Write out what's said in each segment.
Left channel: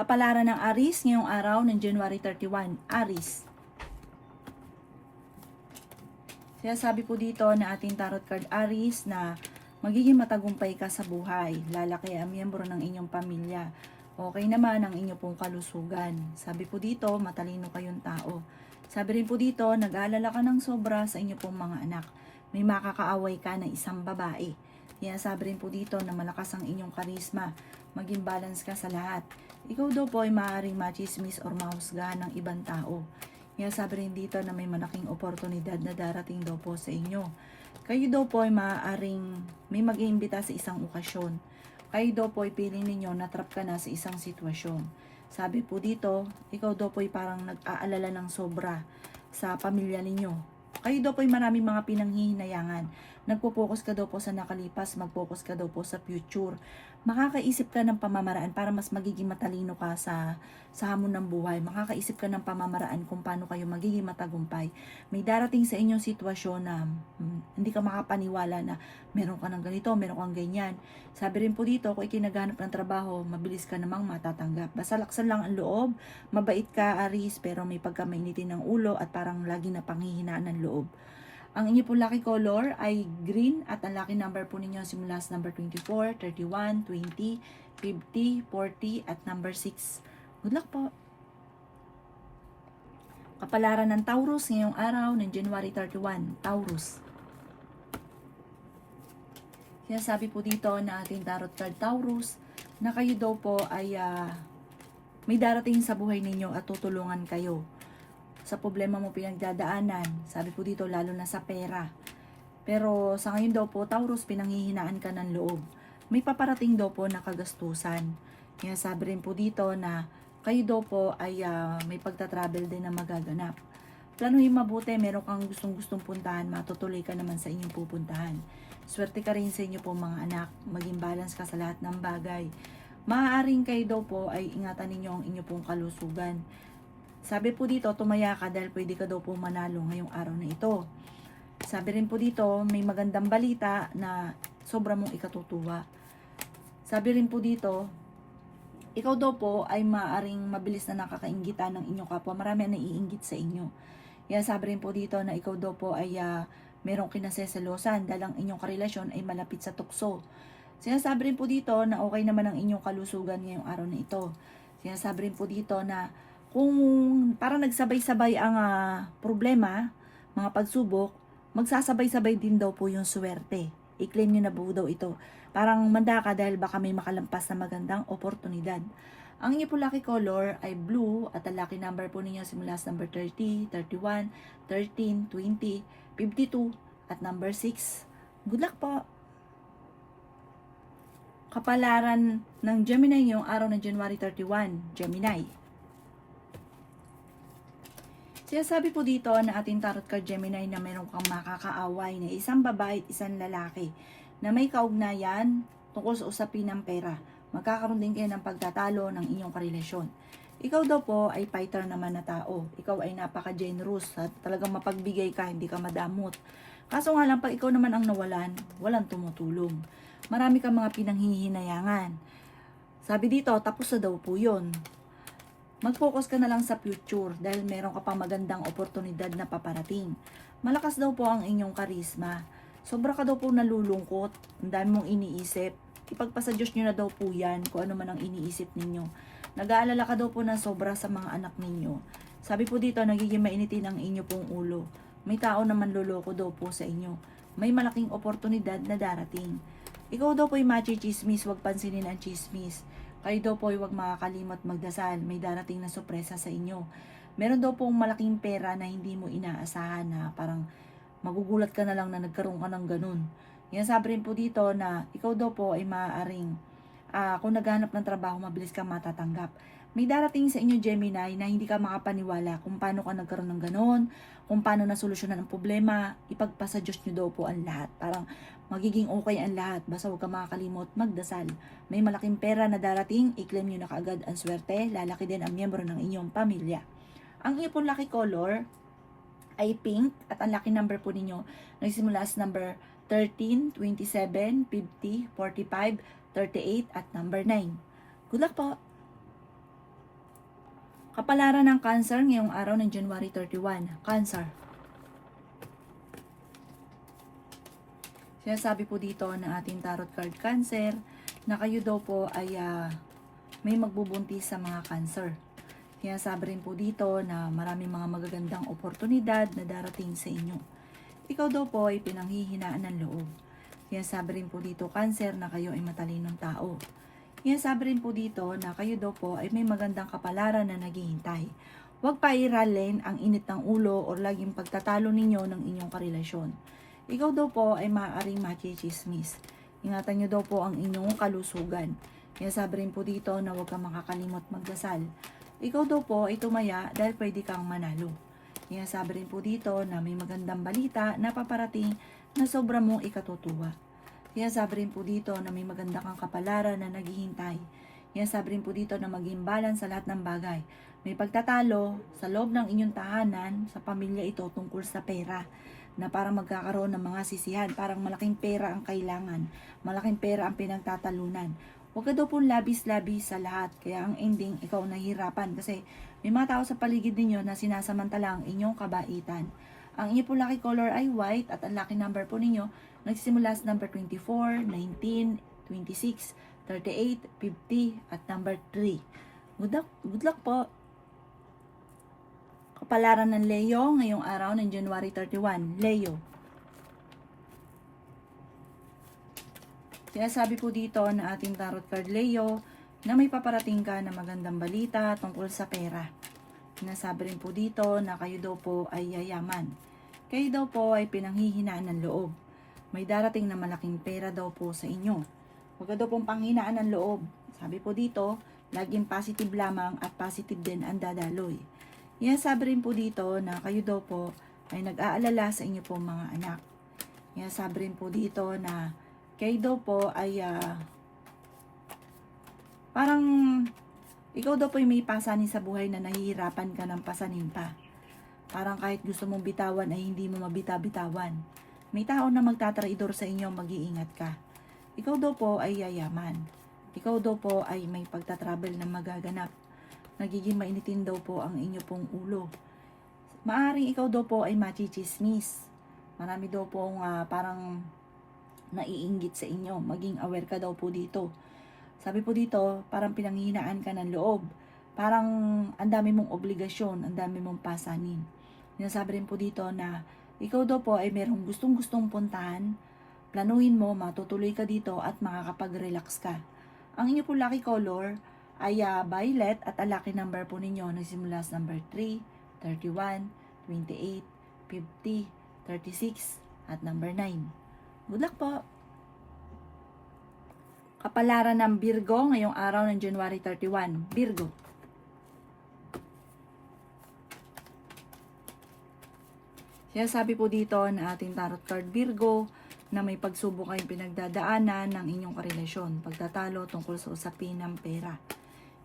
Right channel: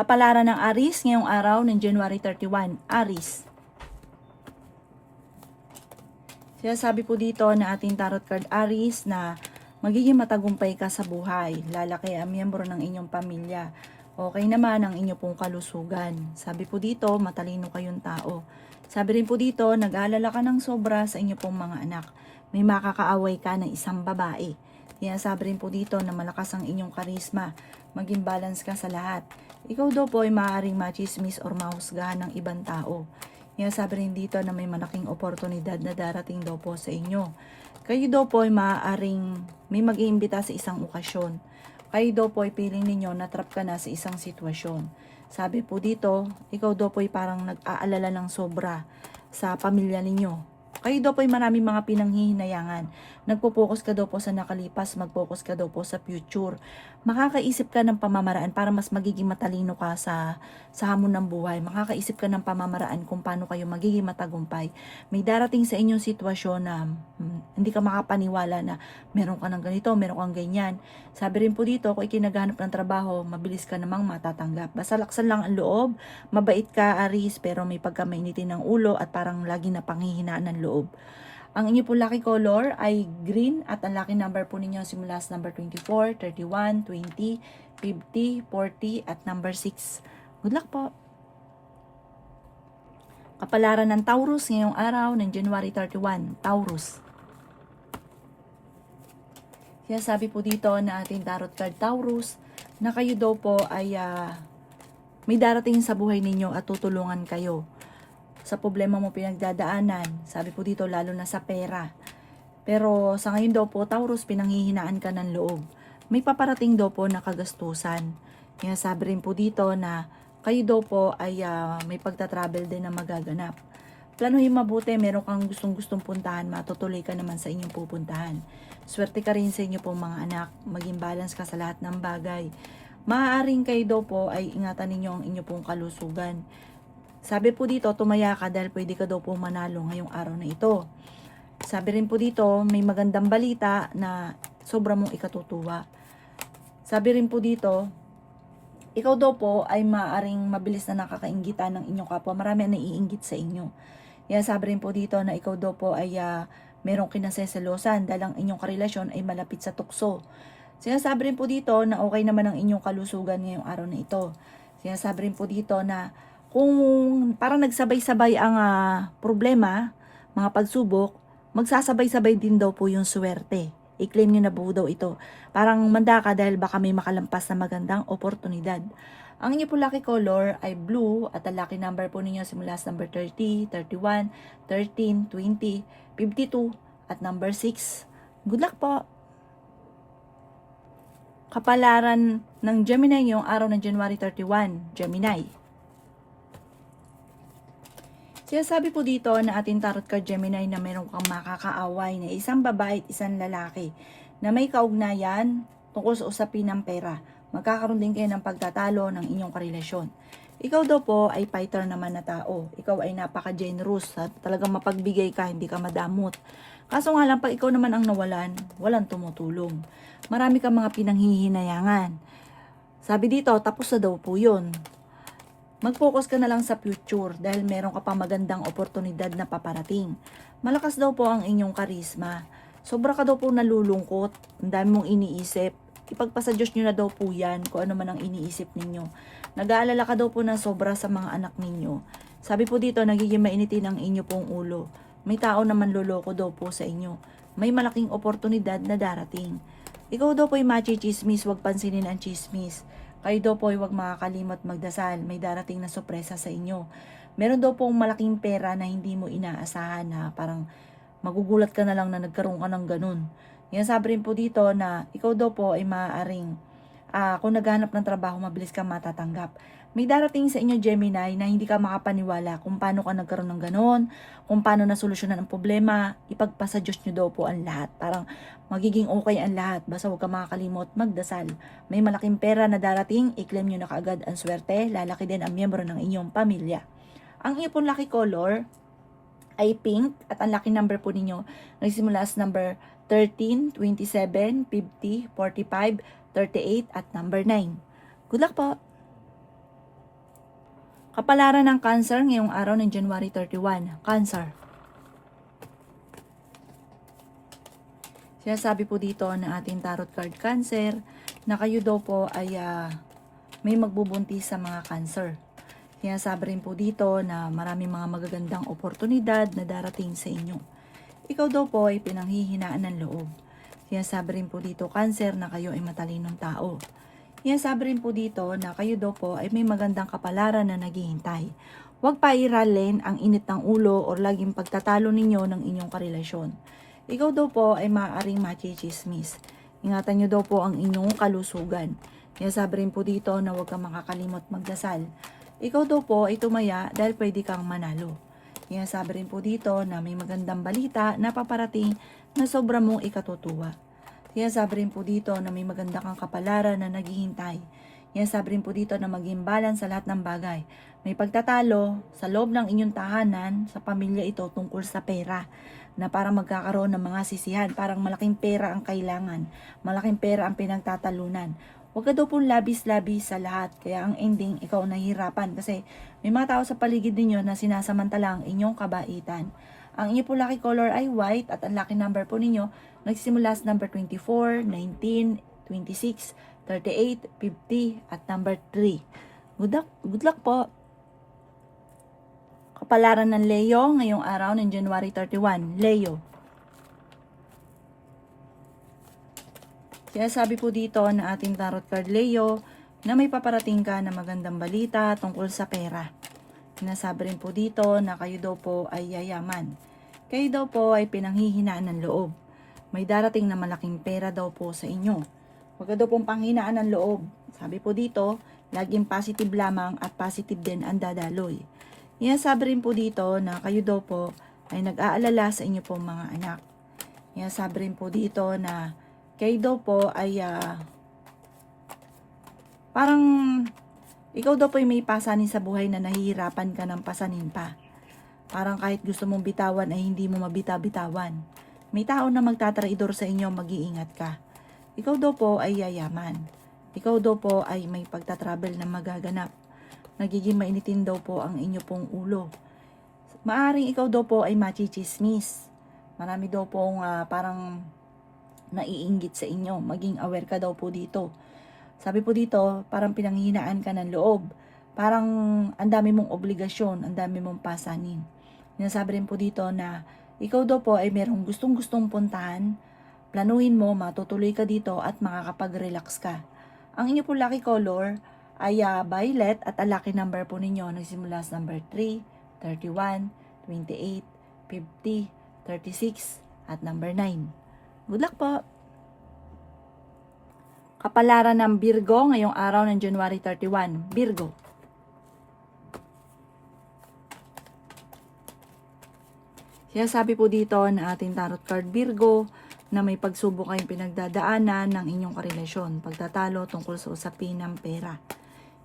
Kapalaran ng Aries ngayong araw ng January 31. Aries. Sinasabi po dito na ating tarot card Aries na magiging matagumpay ka sa buhay. Lalaki ang miyembro ng inyong pamilya. Okay naman ang inyong pong kalusugan. Sabi po dito, matalino kayong tao. Sabi rin po dito, nag-aalala ka ng sobra sa inyong pong mga anak. May makakaaway ka ng isang babae. Sabi rin po dito na malakas ang inyong karisma. Maging balance ka sa lahat. Ikaw daw po ay maaaring machismis or mahusgahan ng ibang tao. Sabi rin dito na may malaking oportunidad na darating daw po sa inyo. Kayo daw po ay maaaring may mag-iimbita sa isang okasyon. Kayo daw po ay piling ninyo na trap ka na sa isang sitwasyon. Sabi po dito, ikaw daw po ay parang nag-aalala ng sobra sa pamilya ninyo. Kayo daw po ay maraming mga pinanghihinayangan. Nagpo-focus ka daw po sa nakalipas, mag-focus ka daw po sa future. Makakaisip ka ng pamamaraan para mas magiging matalino ka sa hamon ng buhay. Makakaisip ka ng pamamaraan kung paano kayo magiging matagumpay. May darating sa inyong sitwasyon na hindi ka makapaniwala na meron ka ng ganito, meron kang ganyan. Sabi rin po dito, kung ikinaghanap ng trabaho, mabilis ka namang matatanggap. Basta laksan lang ang loob, mabait ka Aries, pero may pagkamainitin ng ulo at parang lagi na panghihinaan ng loob. Ang inyo po lucky color ay green at ang lucky number po ninyo simula sa number 24, 31, 20, 50, 40 at number 6. Good luck po! Kapalaran ng Taurus ngayong araw ng January 31. Taurus. Sabi po dito na ating tarot card Taurus na kayo daw po ay may darating sa buhay ninyo at tutulungan kayo sa problema mo pinagdadaanan. Sabi po dito lalo na sa pera. Pero sa ngayon daw po Taurus, pinanghihinaan ka ng loob. May paparating daw po na kagastusan. Sabi rin po dito na kayo daw po ay may pagta-travel din na magaganap. Planuhin mabuti, meron kang gustong puntahan, matutuloy ka naman sa inyong pupuntahan. Swerte ka rin sa inyo po mga anak, maging balance ka sa lahat ng bagay. Maaaring kayo daw po ay ingatan ninyo ang inyong pong kalusugan. Sabi po dito, tumaya ka dahil pwede ka daw po manalo ngayong araw na ito. Sabi rin po dito, may magandang balita na sobra mong ikatutuwa. Sabi rin po dito, ikaw daw po ay maaaring mabilis na nakakainggitan ng inyong kapwa. Marami ang naiinggit sa inyo. Sabi rin po dito na ikaw daw po ay merong kinaseselosan dahil ang inyong karelasyon ay malapit sa tukso. Sinasabi rin po dito na okay naman ang inyong kalusugan ngayong araw na ito. Sinasabi rin po dito na kung parang nagsabay-sabay ang problema, mga pagsubok, magsasabay-sabay din daw po yung swerte. I-claim nyo na po daw ito. Parang manda ka dahil baka may makalampas na magandang oportunidad. Ang inyo po lucky color ay blue at ang lucky number po ninyo simula sa number 30, 31, 13, 20, 52 at number 6. Good luck po! Kapalaran ng Gemini yung araw ng January 31, Gemini. Sinasabi po dito na ating tarot card Gemini na meron kang makakaaway na isang babae at isang lalaki na may kaugnayan tungkol sa usapin ng pera. Magkakaroon din kayo ng pagtatalo ng inyong karelasyon. Ikaw daw po ay fighter naman na tao. Ikaw ay napaka-generous at talagang mapagbigay ka, hindi ka madamot. Kaso nga lang, pag ikaw naman ang nawalan, walang tumutulong. Marami kang mga pinanghihinayangan. Sabi dito, tapos na daw po yun. Mag-focus ka na lang sa future dahil meron ka pang magandang oportunidad na paparating. Malakas daw po ang inyong karisma. Sobra ka daw po nalulungkot, ang dami mong iniisip. Ipagpasa Diyos nyo na daw po yan kung ano man ang iniisip ninyo. Nag-aalala ka daw po na sobra sa mga anak ninyo. Sabi po dito, nagiging mainitin ang inyo pong ulo. May tao naman loloko daw po sa inyo. May malaking oportunidad na darating. Ikaw daw po ay machi-chismis, huwag pansinin ang chismis. Kayo daw po ay huwag makakalimot magdasal. May darating na sorpresa sa inyo. Meron daw pong malaking pera na hindi mo inaasahan na parang magugulat ka na lang na nagkaroon ka ng ganun. Sabi rin po dito na ikaw daw po ay maaaring kung naghanap ng trabaho, mabilis kang matatanggap. May darating sa inyo Gemini na hindi ka makapaniwala kung paano ka nagkaroon ng ganun, kung paano nasolusyonan ang problema. Ipagpasa Diyos nyo daw po ang lahat. Parang magiging okay ang lahat. Basta huwag ka makakalimot magdasal. May malaking pera na darating, i-claim nyo na kaagad ang swerte. Lalaki din ang miyembro ng inyong pamilya. Ang inyong pong lucky color ay pink at ang lucky number po ninyo nagsimula sa number 13, 27, 50, 45, 38 at number 9. Good luck po! Kapalaran ng Cancer ngayong araw ng January 31. Cancer. Sinasabi po dito ng ating tarot card Cancer na kayo daw po ay may magbubuntis sa mga Cancer. Sinasabi rin po dito na maraming mga magagandang oportunidad na darating sa inyo. Ikaw daw po ay pinanghihinaan ng loob. Sinasabi rin po dito Cancer na kayo ay matalinong tao. Sinasabi rin po dito na kayo daw po ay may magandang kapalaran na naghihintay. Huwag pairalin ang init ng ulo o laging pagtatalo ninyo ng inyong karelasyon. Ikaw daw po ay maaaring machichismis. Ingatan nyo daw po ang inyong kalusugan. Sinasabi rin po dito na huwag kang makakalimot magdasal. Ikaw daw po ay tumaya dahil pwede kang manalo. Sinasabi rin po dito na may magandang balita na paparating na sobra mong ikatutuwa. Sinasabi rin po dito na may maganda kang kapalaran na naghihintay. Sinasabi rin po dito na maging balance sa lahat ng bagay. May pagtatalo sa loob ng inyong tahanan, sa pamilya ito tungkol sa pera, na parang magkakaroon ng mga sisihan, parang malaking pera ang kailangan, malaking pera ang pinagtatalunan. Huwag ka daw pong labis-labis sa lahat, kaya ang ending, ikaw nahihirapan kasi may mga tao sa paligid ninyo na sinasamantala ang inyong kabaitan. Ang inyo po lucky color ay white at ang lucky number po ninyo nagsimula sa number 24, 19, 26, 38, 50 at number 3. Good luck po! Kapalaran ng Leo ngayong araw ng January 31. Leo. Sinasabi po dito na ating tarot card Leo na may paparating ka na magandang balita tungkol sa pera. Sinasabi rin po dito na kayo daw po ay yayaman. Kayo daw po ay pinanghihinaan ng loob. May darating na malaking pera daw po sa inyo. Huwag ka daw pong panghinaan ng loob. Sabi po dito, laging positive lamang at positive din ang dadaloy. Sabi rin po dito na kayo daw po ay nag-aalala sa inyo pong mga anak. Sabi rin po dito na kayo daw po ay parang ikaw daw po ay may pasanin sa buhay na nahihirapan ka ng pasanin pa. Parang kahit gusto mong bitawan ay hindi mo mabita-bitawan. May tao na magtatraidor sa inyo, mag-iingat ka. Ikaw daw po ay yayaman. Ikaw daw po ay may pagtatravel na magaganap. Nagiging mainitin daw po ang inyo pong ulo. Maaring ikaw daw po ay machichismis. Marami daw pong parang naiinggit sa inyo. Maging aware ka daw po dito. Sabi po dito, parang pinanghihinaan ka ng loob. Parang ang dami mong obligasyon, ang dami mong pasanin. Sinasabi rin po dito na ikaw daw po ay merong gustong-gustong puntahan. Planuhin mo, matutuloy ka dito at makakapag-relax ka. Ang inyo po lucky color ay violet at ang lucky number po ninyo nagsimula sa number 3, 31, 28, 50, 36 at number 9. Good luck po! Kapalaran ng Virgo ngayong araw ng January 31. Virgo. Sinasabi po dito na ating tarot card Virgo na may pagsubok kayong pinagdadaanan ng inyong karelasyon, pagtatalo tungkol sa usapin ng pera.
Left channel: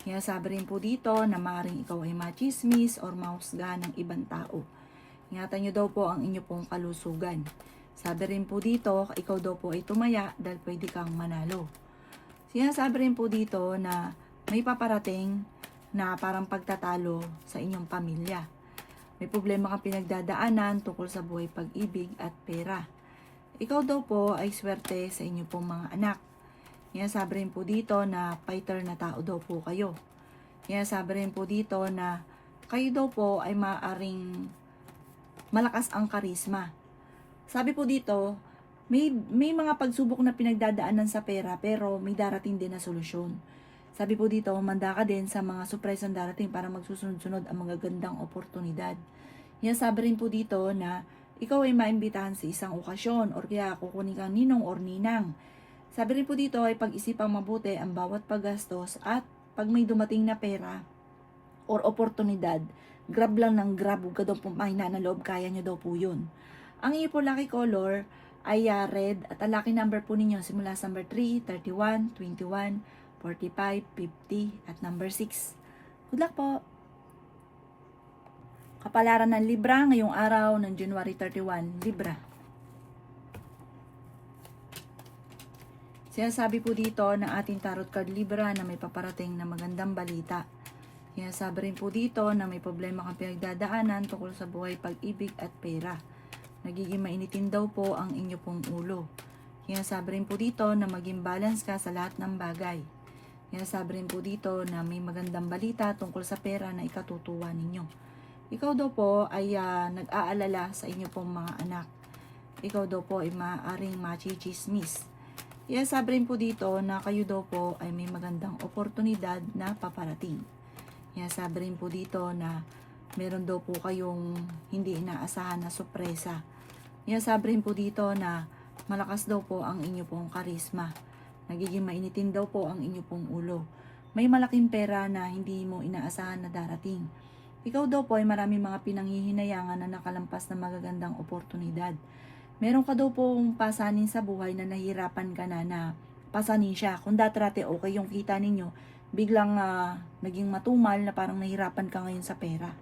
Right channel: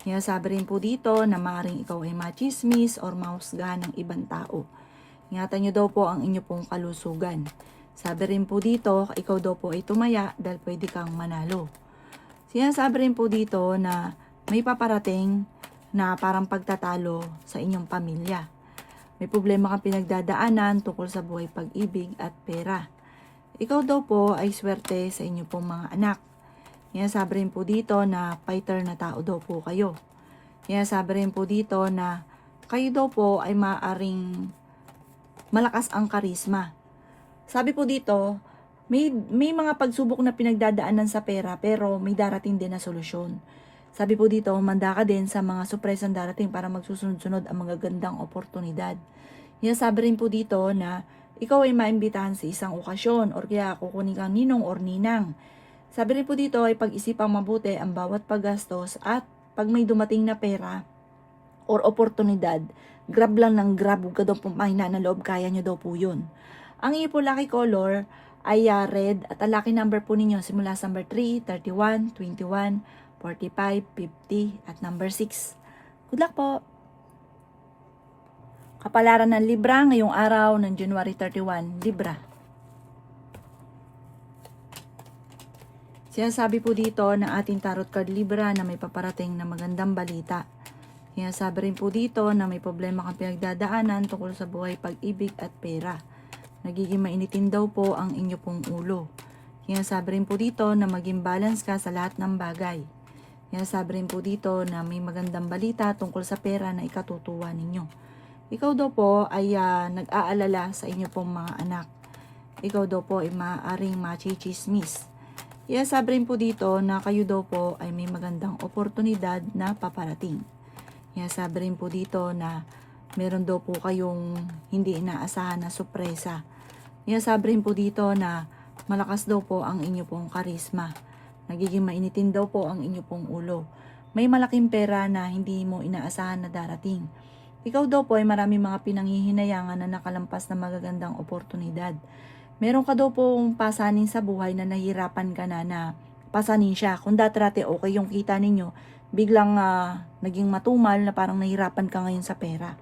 Sinasabi rin po dito na maaaring ikaw ay machismis or mahusgahan ng ibang tao. Ingatan nyo daw po ang inyo pong kalusugan. Sabi rin po dito, ikaw daw po ay tumaya dahil pwede kang manalo. Sinasabi rin po dito na may paparating na parang pagtatalo sa inyong pamilya. May problema kang pinagdadaanan tungkol sa buhay, pag-ibig at pera. Ikaw daw po ay swerte sa inyo pong mga anak. Sinasabi rin po dito na fighter na tao daw po kayo. Sinasabi rin po dito na kayo daw po ay maaaring malakas ang karisma. Sabi po dito, may mga pagsubok na pinagdadaanan sa pera pero may darating din na solusyon. Sabi po dito, manda ka din sa mga surpresang darating para magsusunod-sunod ang magagandang oportunidad. Sinasabi rin po dito na ikaw ay maimbitahan sa isang okasyon or kaya kukunin kang ninong or ninang. Sabi rin po dito ay pag-isipang mabuti ang bawat paggastos at pag may dumating na pera or oportunidad, grab lang ng grab, huwag ka daw pumahina ng loob, kaya nyo daw po yun. Ang iyo po lucky color ay red at ang lucky number po ninyo simula sa number 3, 31, 21, 45, 50 at number 6. Good luck po! Kapalaran ng Libra ngayong araw ng January 31. Libra. Sinasabi po dito ng ating tarot card Libra na may paparating na magandang balita. Kaya sabi rin po dito na may problema kang pinagdadaanan tungkol sa buhay, pag-ibig at pera. Nagiging mainitin daw po ang inyo pong ulo. Kaya sabi rin po dito na maging balance ka sa lahat ng bagay. Kaya sabi rin po dito na may magandang balita tungkol sa pera na ikatutuwa ninyo. Ikaw daw po ay nag-aalala sa inyo pong mga anak. Ikaw daw po ay maaaring machichismis. Kaya sabi rin po dito na kayo daw po ay may magandang oportunidad na paparating. Kaya sabi rin po dito na meron daw po kayong hindi inaasahan na sorpresa. Kaya sabi rin po dito na malakas daw po ang inyo pong karisma. Nagiging mainitin daw po ang inyo pong ulo. May malaking pera na hindi mo inaasahan na darating. Ikaw daw po ay marami mga pinanghihinayangan na nakalampas na magagandang oportunidad. Meron ka daw pong pasanin sa buhay na nahihirapan ka na pasanin siya. Kung dati okay yung kita ninyo, biglang naging matumal na parang nahihirapan ka ngayon sa pera.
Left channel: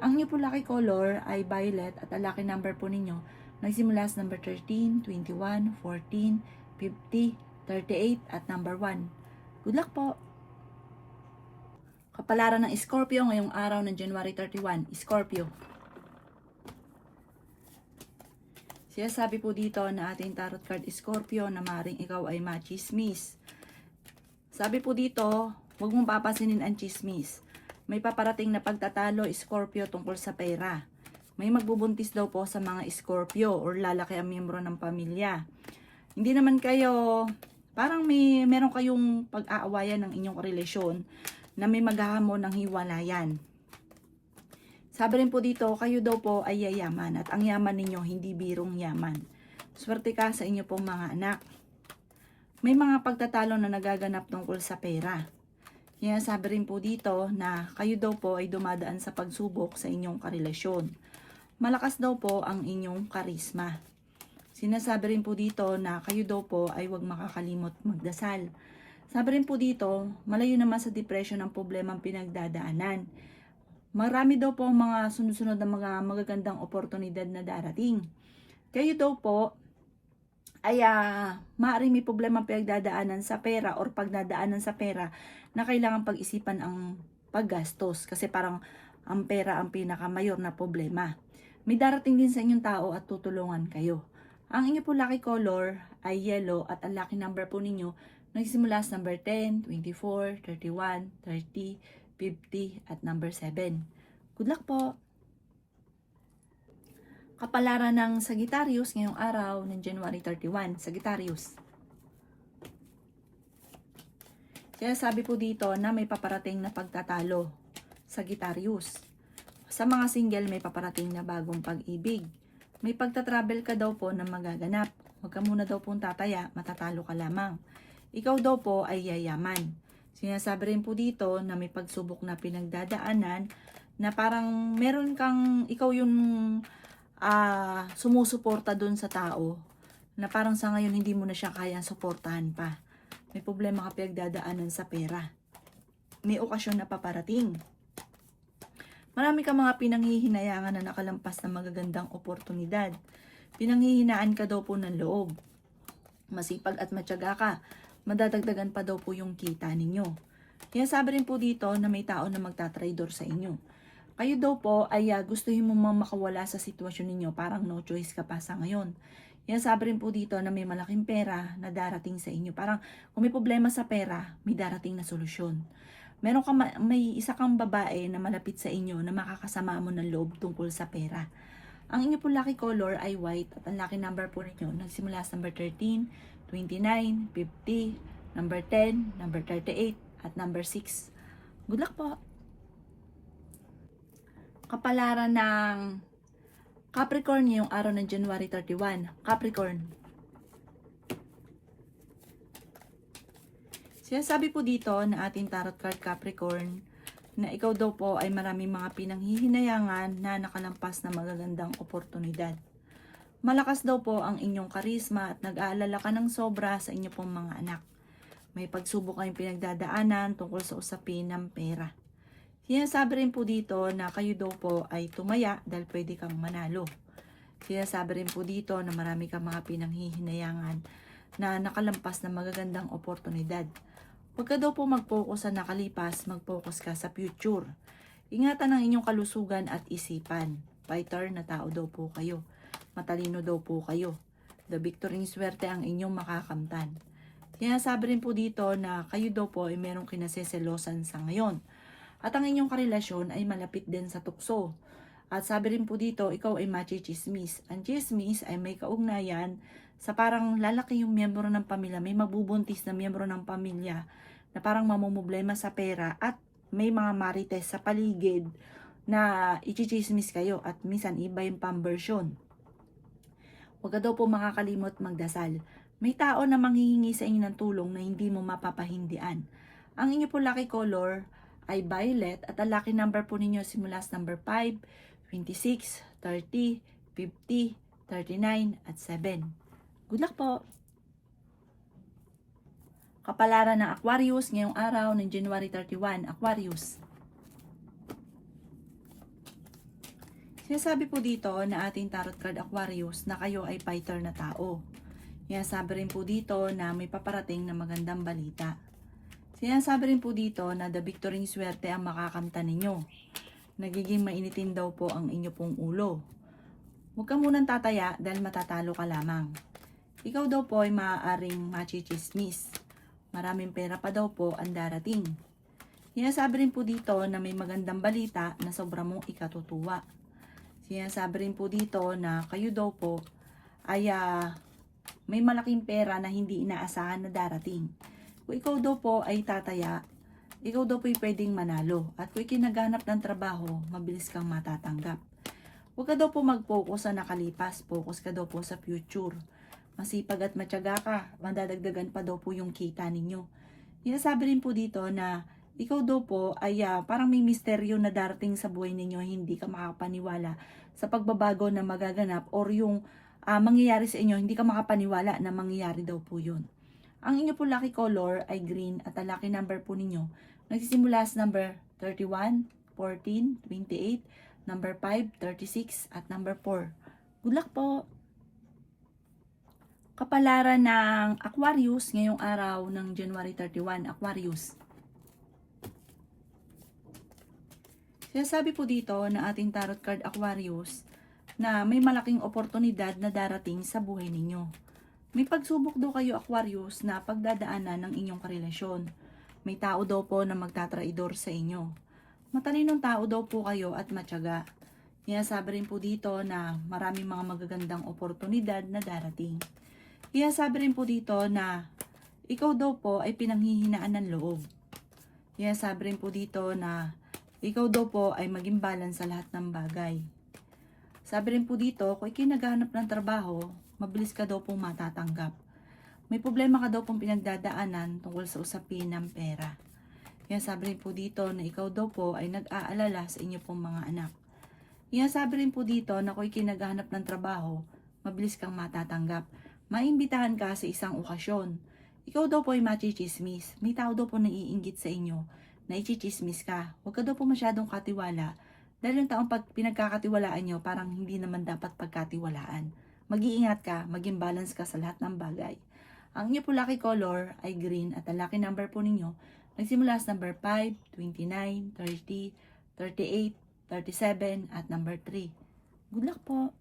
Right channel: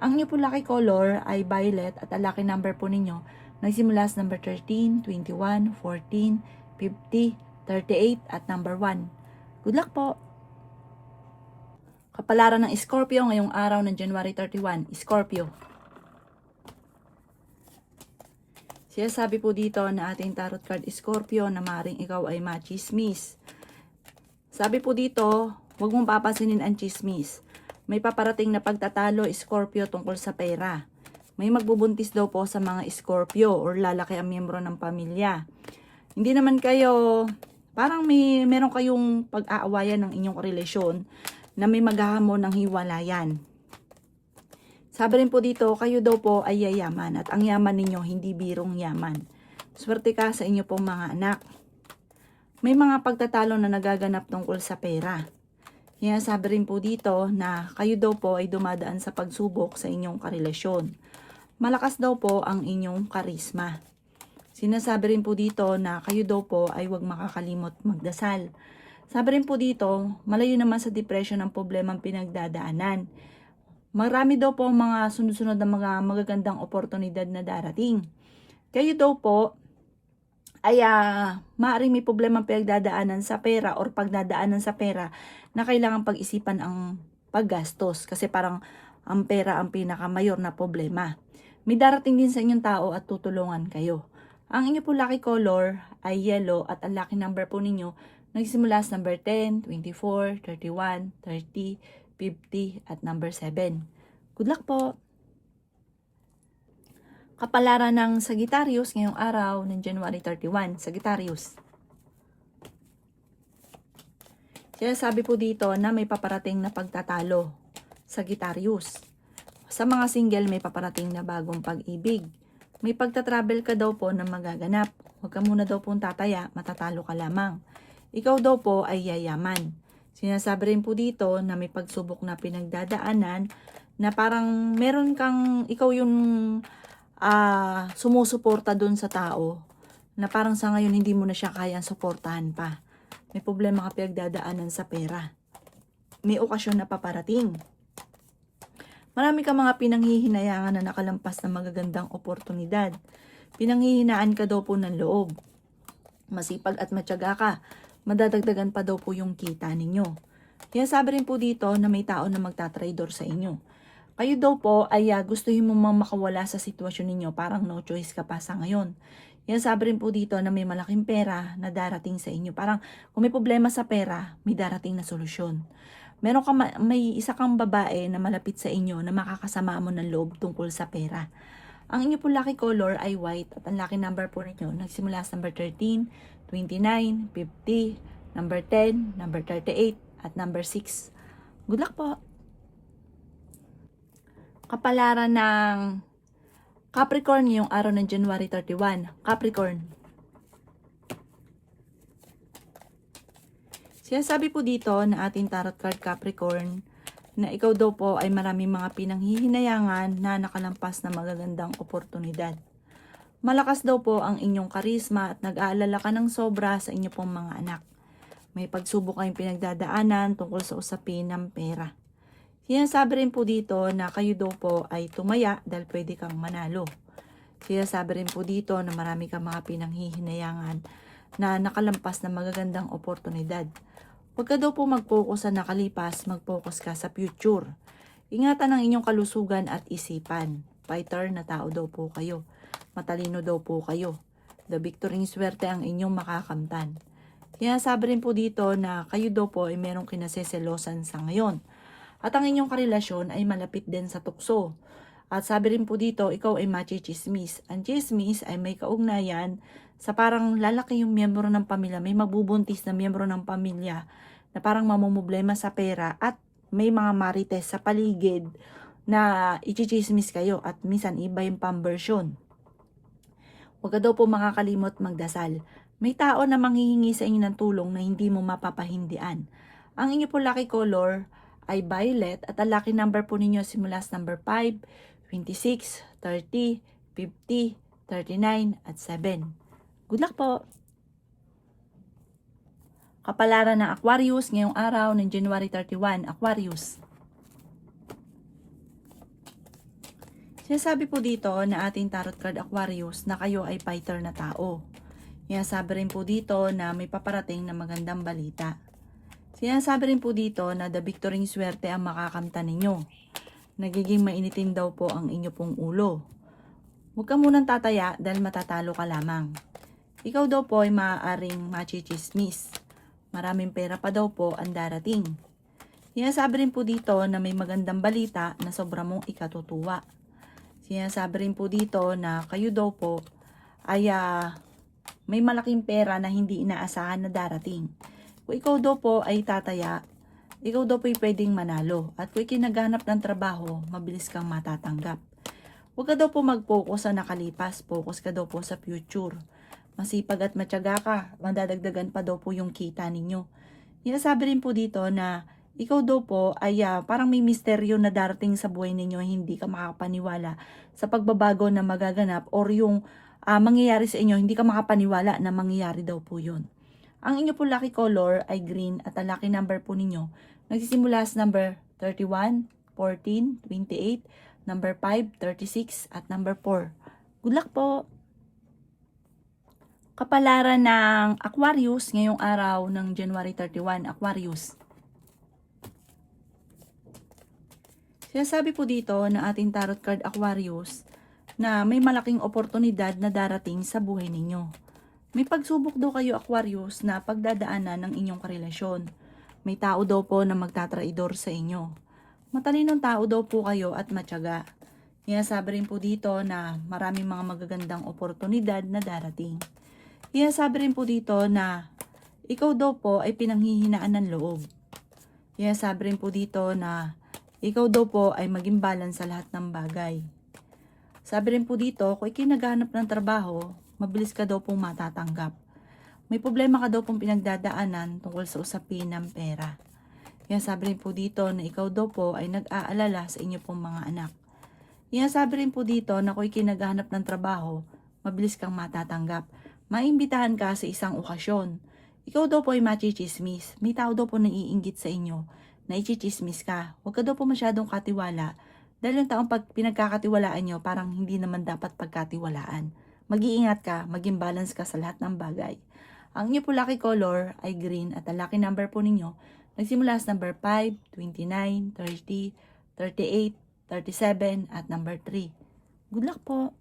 Ang inyo po lucky color ay violet at ang lucky number po ninyo nagsimula sa number 13, 21, 14, 50, 38 at number 1. Good luck po! Kapalaran ng Scorpio ngayong araw ng January 31. Scorpio. Siya sabi po dito na ating tarot card Scorpio na maring ikaw ay machismis. Sabi po dito, huwag mong papasinin ang chismis. May paparating na pagtatalo Scorpio tungkol sa pera. May magbubuntis daw po sa mga Scorpio or lalaki ang miyembro ng pamilya. Hindi naman kayo, parang meron kayong pag-aawayan ng inyong relasyon na may maghahamon ng hiwalayan. Sabi rin po dito, kayo daw po ay yayaman at ang yaman ninyo hindi birong yaman. Swerte ka sa inyo pong mga anak. May mga pagtatalo na nagaganap tungkol sa pera. Kaya sabi rin po dito na kayo daw po ay dumadaan sa pagsubok sa inyong karelasyon. Malakas daw po ang inyong karisma. Sinasabi rin po dito na kayo daw po ay huwag makakalimot magdasal. Sabi rin po dito, malayo naman sa depression ang problemang pinagdadaanan. Marami daw po mga sunod-sunod na mga magagandang oportunidad na darating. Kayo daw po ay maaaring may problemang pinagdadaanan sa pera or pagdadaanan sa pera na kailangan pag-isipan ang paggastos kasi parang ang pera ang pinakamayor na problema. May darating din sa inyong tao at tutulungan kayo. Ang inyo po lucky color ay yellow at ang lucky number po ninyo nagsimula sa number 10, 24, 31, 30, 50 at number 7. Good luck po! Kapalaran ng Sagittarius ngayong araw ng January 31. Sagittarius. Kaya sabi po dito na may paparating na pagtatalo. Sagittarius. Sa mga single may paparating na bagong pag-ibig. May pagta-travel ka daw po na magaganap. Huwag ka muna daw pong tataya, matatalo ka lamang. Ikaw daw po ay yayaman. Sinasabi rin po dito na may pagsubok na pinagdadaanan na parang meron kang, ikaw yung sumusuporta dun sa tao na parang sa ngayon hindi mo na siya kayang suportahan pa. May problema ka pinagdadaanan sa pera. May okasyon na paparating. Marami ka mga pinanghihinayangan na nakalampas na magagandang oportunidad. Pinanghihinaan ka daw po ng loob. Masipag at matyaga ka. Madadagdagan pa daw po yung kita ninyo. Kaya sabi rin po dito na may tao na magtatraidor sa inyo. Kayo daw po ay gustuhin mo makawala sa sitwasyon ninyo. Parang no choice ka pa sa ngayon. Kaya sabi rin po dito na may malaking pera na darating sa inyo. Parang kung may problema sa pera, may darating na solusyon. May isa kang babae na malapit sa inyo na makakasama mo ng loob tungkol sa pera. Ang inyo po lucky color ay white at ang lucky number po ninyo nagsimula sa number 13, 29, 50, number 10, number 38 at number 6. Good luck po! Kapalaran ng Capricorn ngayong araw ng January 31. Capricorn. Sinasabi po dito na ating tarot card Capricorn na ikaw daw po ay maraming mga pinanghihinayangan na nakalampas na magagandang oportunidad. Malakas daw po ang inyong karisma at nag-aalala ka ng sobra sa inyo pong mga anak. May pagsubok kayong pinagdadaanan tungkol sa usapin ng pera. Sinasabi rin po dito na kayo daw po ay tumaya dahil pwede kang manalo. Sinasabi rin po dito na marami kang mga pinanghihinayangan na nakalampas na magagandang oportunidad. Huwag ka daw po mag-focus sa nakalipas, mag-focus ka sa future. Ingatan ang inyong kalusugan at isipan. Fighter na tao daw po kayo. Matalino daw po kayo. The victory swerte ang inyong makakamtan. Kaya sabi rin po dito na kayo daw po ay merong kinaseselosan sa ngayon. At ang inyong karelasyon ay malapit din sa tukso. At sabi rin po dito, ikaw ay machichismis. Ang chismis ay may kaugnayan sa parang lalaki yung miyembro ng pamilya, may mabubuntis na miyembro ng pamilya na parang mamumblema sa pera at may mga marites sa paligid na ichichismis kayo at minsan iba yung pambersyon. Huwag ka daw po makakalimot magdasal. May tao na manghihingi sa inyo ng tulong na hindi mo mapapahindian. Ang inyo po lucky color ay violet at ang lucky number po ninyo simula sa number 5, 26, 30, 50, 39 at 7. Good luck po! Kapalaran ng Aquarius ngayong araw ng January 31, Aquarius. Sinasabi po dito na ating tarot card Aquarius na kayo ay fighter na tao. Sinasabi rin po dito na may paparating na magandang balita. Sinasabi rin po dito na the victory swerte ang makakamtan ninyo. Nagiging mainitin daw po ang inyo pong ulo. Huwag ka munang tataya dahil matatalo ka lamang. Ikaw daw po ay maaaring machichismis. Maraming pera pa daw po ang darating. Sinasabi rin po dito na may magandang balita na sobra mong ikatutuwa. Sinasabi rin po dito na kayo daw po ay may malaking pera na hindi inaasahan na darating. Kung ikaw daw po ay tataya, ikaw daw po ay pwedeng manalo. At kung ikinaghanap ng trabaho, mabilis kang matatanggap. Huwag ka daw po mag-focus sa nakalipas, focus ka daw po sa future. Masipag at matyaga ka, madadagdagan pa daw po yung kita ninyo. Sinasabi rin po dito na ikaw daw po ay parang may misteryo na darating sa buhay ninyo, hindi ka makapaniwala sa pagbabago na magaganap or yung mangyayari sa inyo, hindi ka makapaniwala na mangyayari daw po yun. Ang inyo po lucky color ay green at ang lucky number po ninyo nagsisimula sa number 31, 14, 28, number 5, 36 at number 4. Good luck po! Kapalaran ng Aquarius ngayong araw ng January 31, Aquarius. Sinasabi po dito na ating tarot card Aquarius na may malaking oportunidad na darating sa buhay ninyo. May pagsubok daw kayo Aquarius na pagdadaanan ng inyong karelasyon. May tao daw po na magtatraidor sa inyo. Matalinong tao daw po kayo at matyaga. Sinasabi rin po dito na maraming mga magagandang oportunidad na darating. Sinasabi rin po dito na ikaw daw po ay pinanghihinaan ng loob. Sinasabi rin po dito na ikaw daw po ay maging balance sa lahat ng bagay. Sabi rin po dito, kung ikinaghanap ng trabaho, mabilis ka daw pong matatanggap. May problema ka daw pong pinagdadaanan tungkol sa usapin ng pera. Sinasabi rin po dito na ikaw daw po ay nag-aalala sa inyo pong mga anak. Sinasabi rin po dito na kung ikinaghanap ng trabaho, mabilis kang matatanggap. Maimbitahan ka sa isang okasyon. Ikaw daw po ay machichismis. May tao daw po naiinggit sa inyo na ichichismis ka. Huwag ka daw po masyadong katiwala dahil yung taong pag pinagkakatiwalaan nyo parang hindi naman dapat pagkatiwalaan. Mag-iingat ka, maging balance ka sa lahat ng bagay. Ang inyo po lucky color ay green at ang lucky number po ninyo nagsimula sa number 5, 29, 30, 38, 37 at number 3. Good luck po!